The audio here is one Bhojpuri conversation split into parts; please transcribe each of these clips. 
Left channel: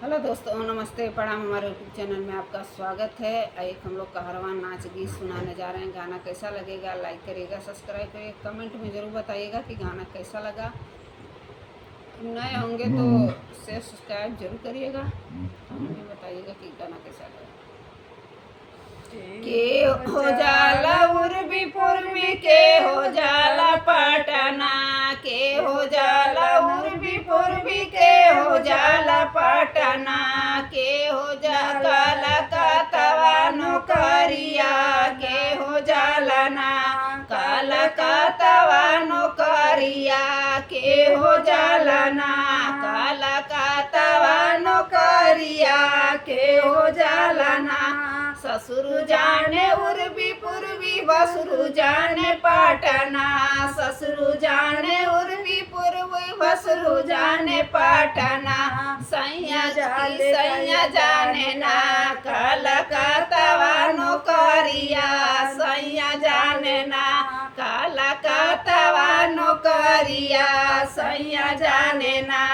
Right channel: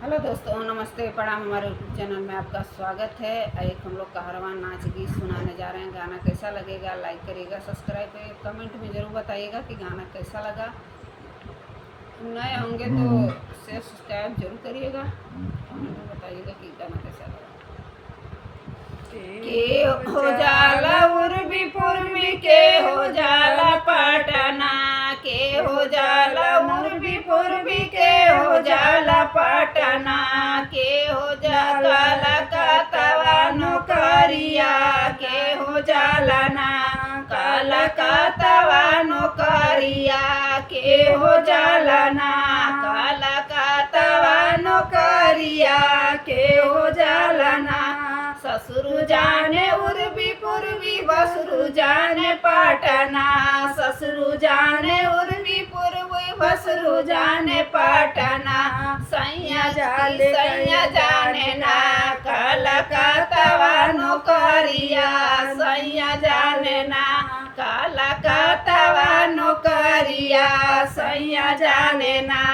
हेलो दोस्तों, नमस्ते, प्रणाम। हमारे यूट्यूब चैनल में आपका स्वागत है। एक हम लोग कहरवान नाच गीत सुनाने जा रहे हैं। गाना कैसा लगेगा लाइक करिएगा, सब्सक्राइब करिएगा, कमेंट में ज़रूर बताइएगा कि गाना कैसा लगा। नए होंगे तो शेयर सब्सक्राइब जरूर करिएगा, कमेंट में बताइएगा कि गाना कैसा लगा। के हो जाला उर्वी पूर्वी, के हो जाला पटना, के हो जाला उर्वी पूर्वी, के हो जाला पटना, के हो जाला कलकत्ता नौकरिया, के हो जाला ना कलकत्ता नौकरिया, के हो जाला ना कलकत्ता नौकरिया, के हो जाला ना। ससुर जाने उर्वी पूर्वी, बसुर जाने पटना, ससुर जाने उर्वी पूर्वी, बसुर जाने पटना। सैया जाने ना कलकत्ता नौकरिया, सैया जाने ना कलकत्ता नौकरिया, सैया जाने ना।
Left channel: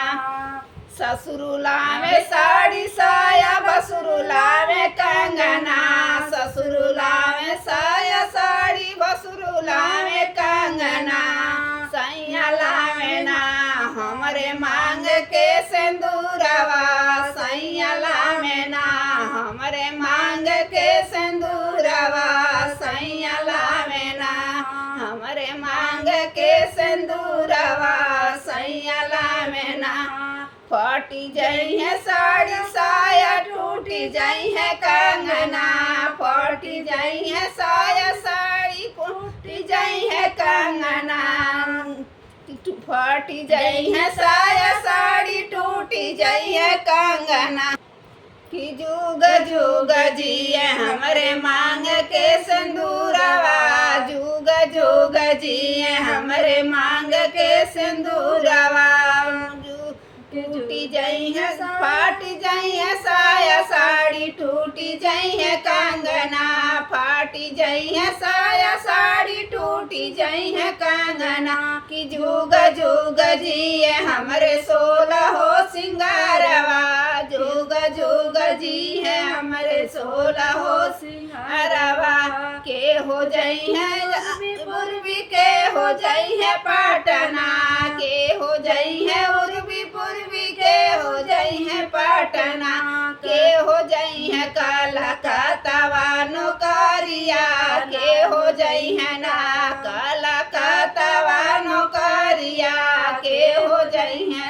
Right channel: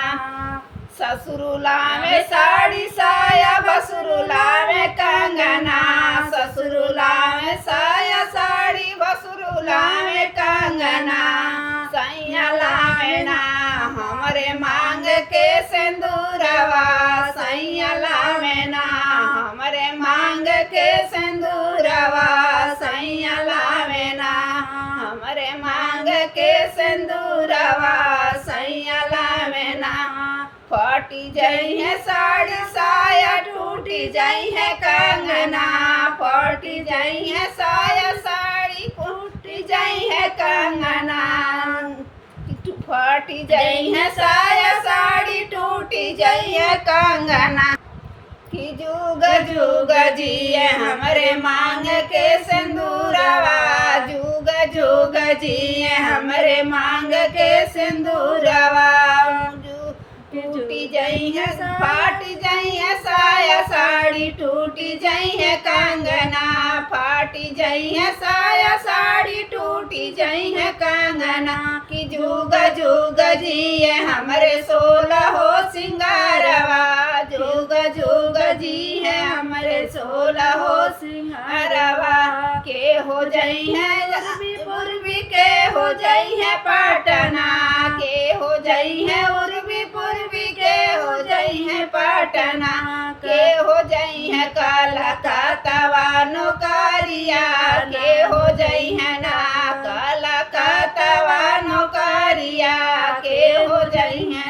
ससुरुला में साड़ी साया, बसुरुला में कंगना, ससुरुला में साया साड़ी, बसुरुला में कंगना। सैया लावे ना हमरे मांग के सिंदूरवा, सैया लावे ना हमरे मांग के सिंदूरवा, सैया लावे ना हमरे मांग के सिंदूरवा, सैया लावे ना। फटी जाई है साड़ी साया, टूटी जाई है कंगना, फटी जाई है साया साड़ी, टूटी जाई है कंगना। फटी जाई है साया साड़ी, टूटी जाई है कंगना। कि जुग जुग जिए हमरे मांग के सिंदूरवा, जुग जुग जिए हमरे मांग के सिंदूरवा। टूटी जाई है फाटी जाई है साया साड़ी, टूटी जाई है कंगना, फाटी जाई है साया साड़ी, टूटी जाई है कंगना। कि जुग जुग जिए हमरे 16 हो सिंगारवा, जुग जुग जी है हमरे 16 हो सिंगारवा। के हो जाई है पूर्वी, के हो जाई है पटना, के हो जाई है उर्वी पूर्वी, के हो जाई है पटना, के हो जाई है कलकत्ता नौकरिया, के हो जाई है ना कलकत्ता नौकरिया, के हो जाई है